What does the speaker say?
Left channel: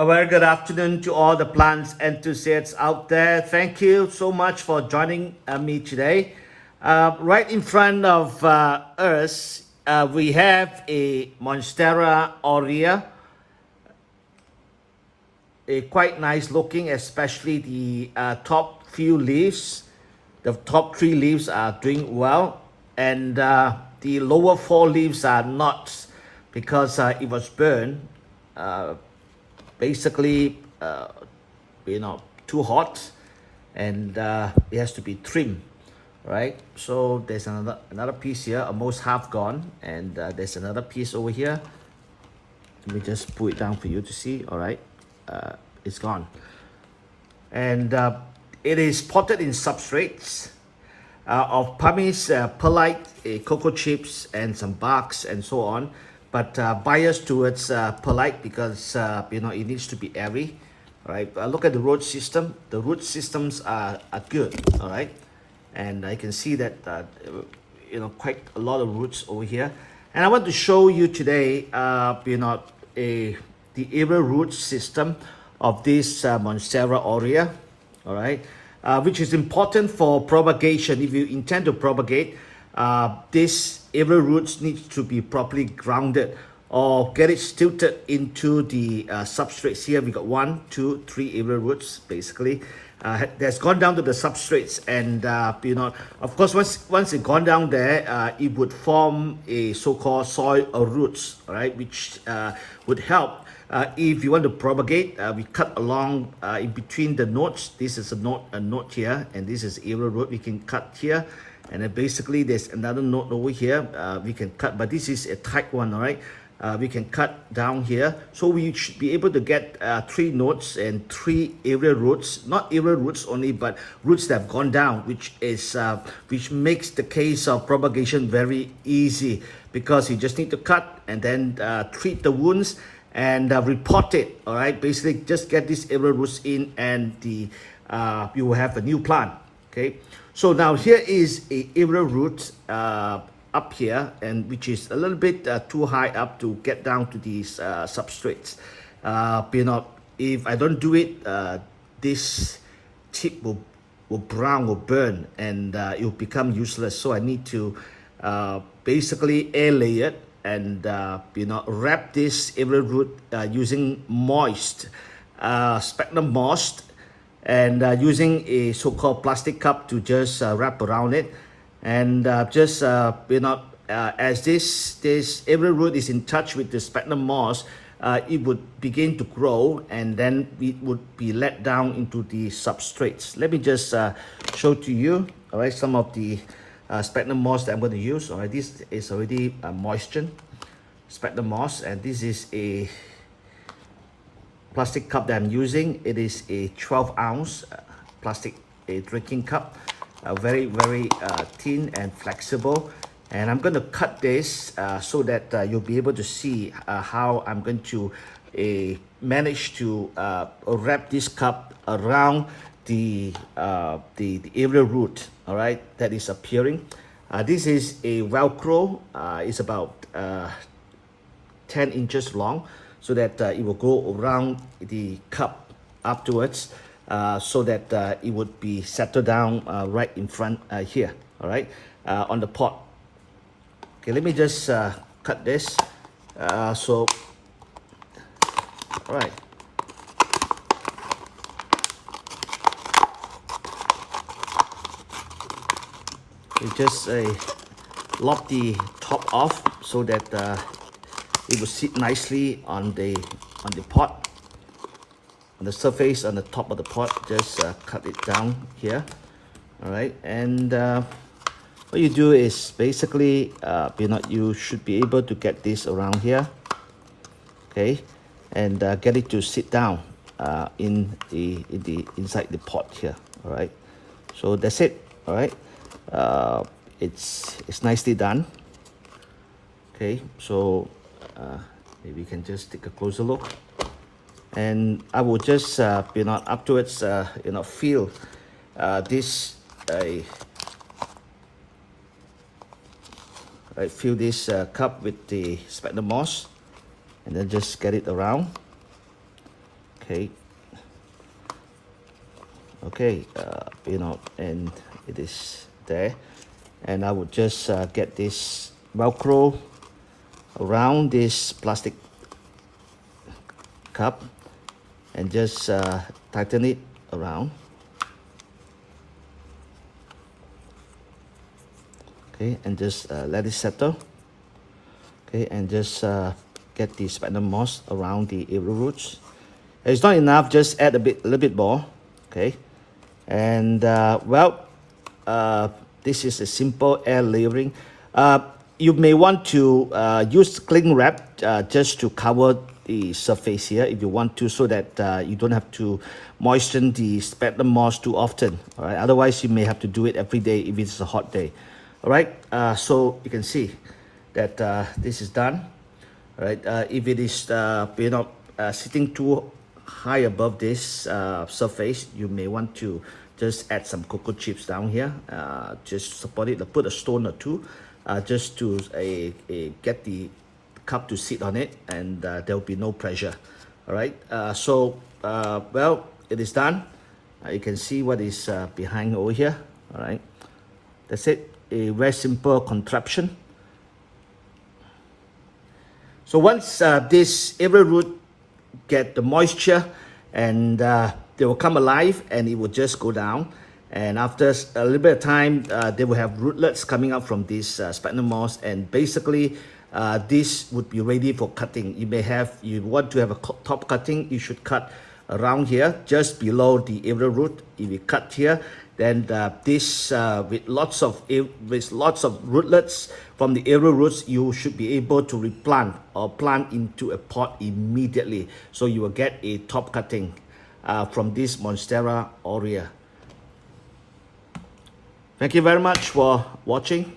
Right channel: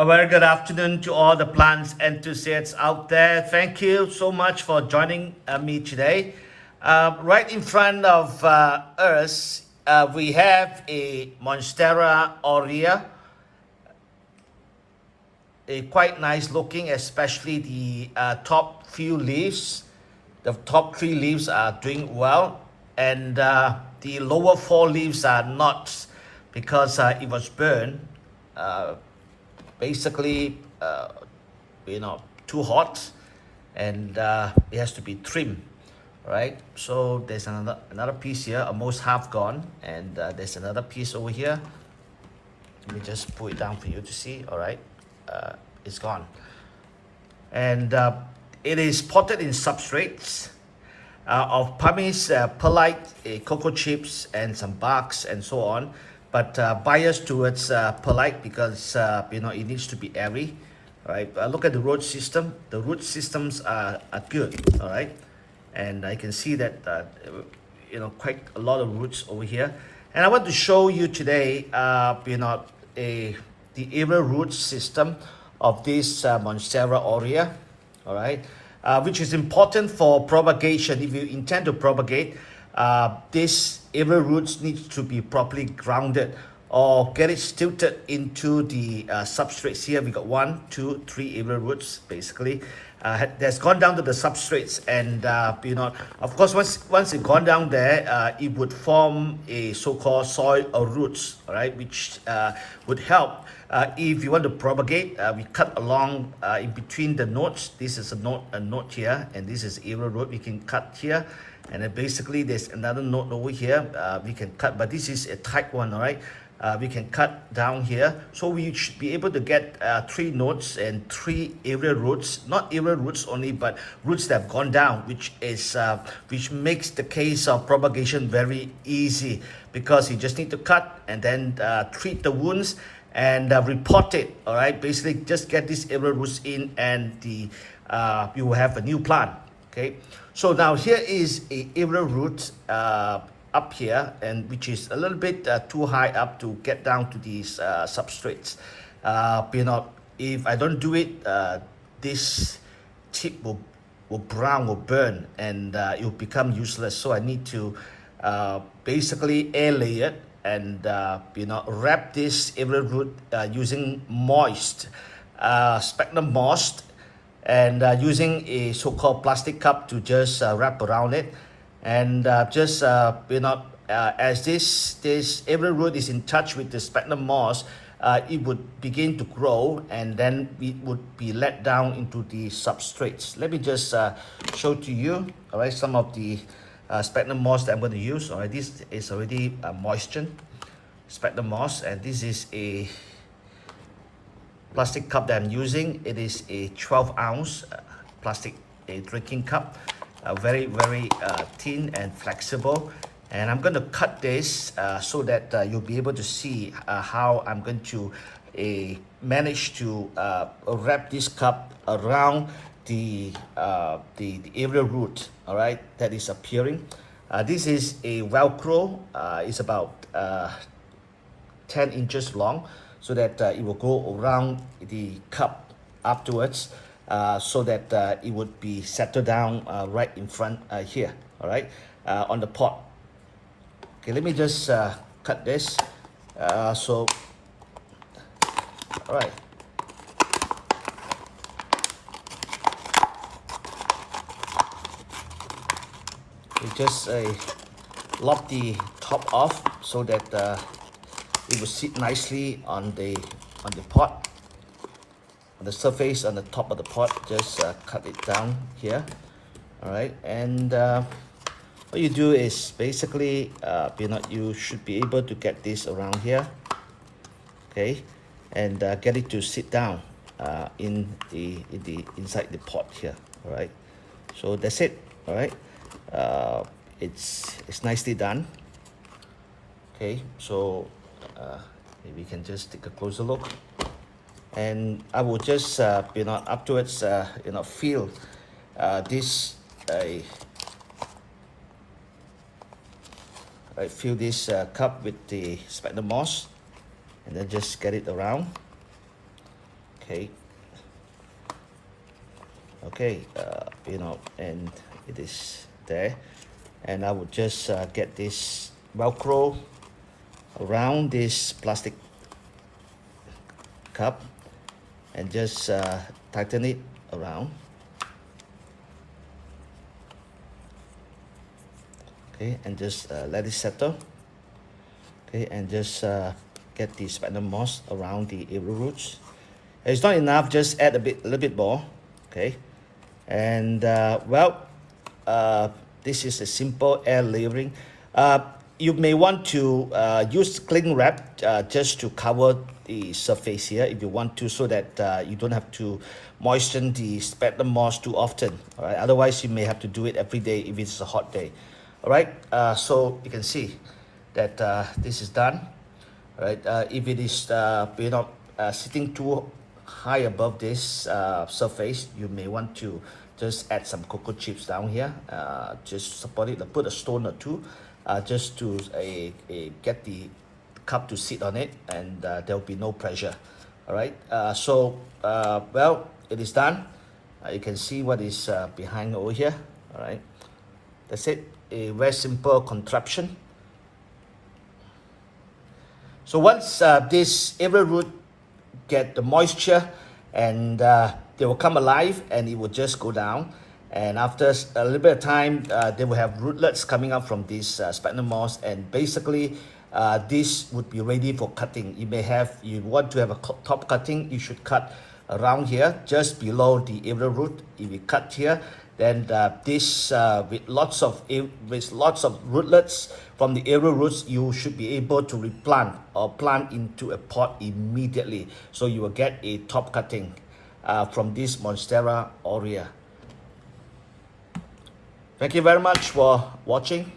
A very good afternoon to all the plants enthusiasts out there. Thank you so much for joining me today. Right in front of us, we have a Monstera Aurea, a quite nice looking, especially the top few leaves. The top three leaves are doing well, and the lower four leaves are not because it was burned. Uh, Basically, too hot, and it has to be trimmed, right? So there's another piece here, almost half gone, and there's another piece over here. Let me just pull it down for you to see. All right, it's gone, and it is potted in substrates of pumice, perlite, cocoa chips, and some barks and so on. But biased towards perlite because it needs to be airy. All right. Look at the root system. The root systems are good. All right, and I can see that quite a lot of roots over here. And I want to show you today, the aerial root system of this Monstera aurea. All right, which is important for propagation. If you intend to propagate, this aerial roots needs to be properly grounded or get it stilted into the substrates. Here we got 1, 2, 3 aerial roots basically. That's gone down to the substrates, and of course once it gone down there, it would form a so-called soil roots, all right, which would help if you want to propagate. We cut along in between the nodes. This is a node here, and this is aerial root. We can cut here, and then basically there's another node over here we can cut, but this is a tight one, all right. We can cut down here, so we should be able to get 3 nodes and 3 aerial roots, not aerial roots only, but roots that have gone down, which makes the case of propagation very easy, because you just need to cut and then treat the wounds and repot it. All right, basically just get these aerial roots in, and you will have a new plant. Okay, so now here is a aerial root up here, and which is a little bit too high up to get down to these substrates. If I don't do it, this tip will burn, and it will become useless. So I need to basically air lay it, and wrap this aerial root using moist sphagnum moss, and using a so-called plastic cup to just wrap around it, and as this aerial root is in touch with the sphagnum moss, it would begin to grow, and then it would be let down into the substrates. Let me just show to you, all right, some of the sphagnum moss that I'm going to use. All right, this is already moistened sphagnum moss, and this is a plastic cup that I'm using. It is a 12-ounce plastic drinking cup, very thin and flexible. And I'm going to cut this so that you'll be able to see how I'm going to manage to wrap this cup around the aerial root, all right, that is appearing. This is a Velcro. It's about 10 inches long, so that it will go around the cup afterwards, so that it would be settled down right in front here, all right, on the pot. Okay, let me just cut this. All right. We just lock the top off so that it will sit nicely on the pot, on the surface, on the top of the pot. Just cut it down here, all right. And what you do is basically you should be able to get this around here, okay, and get it to sit down inside the pot here, all right. So that's it, all right. It's nicely done. Okay, so maybe we can just take a closer look, and I will just afterwards feel this fill this cup with the sphagnum moss, and then just get it around. Okay. Okay, you know, and it is there, and I would just get this Velcro around this plastic cup and just tighten it around. Okay, and just let it settle. Okay, and just get the sphagnum moss around the area roots. If it's not enough, just add a little bit more. Okay, and this is a simple air layering. You may want to use cling wrap just to cover the surface here if you want to, so that you don't have to moisten the sphagnum moss too often. All right, otherwise you may have to do it every day if it's a hot day. All right, so you can see that this is done. All right, if it is sitting too high above this surface, you may want to just add some cocoa chips down here, just support it, put a stone or two, just to get the cup to sit on it, and there will be no pressure. All right, well, it is done. You can see what is behind over here. All right, that's it. A very simple contraption. So once this area root get the moisture, and they will come alive, and it will just go down, and after a little bit of time they will have rootlets coming up from this sphagnum moss, and basically this would be ready for cutting. You want to have a top cutting, you should cut around here just below the area root. If you cut here, then this with lots of rootlets from the area roots, you should be able to replant or plant into a pot immediately, so you will get a top cutting from this Monstera Aurea. Thank you very much for watching.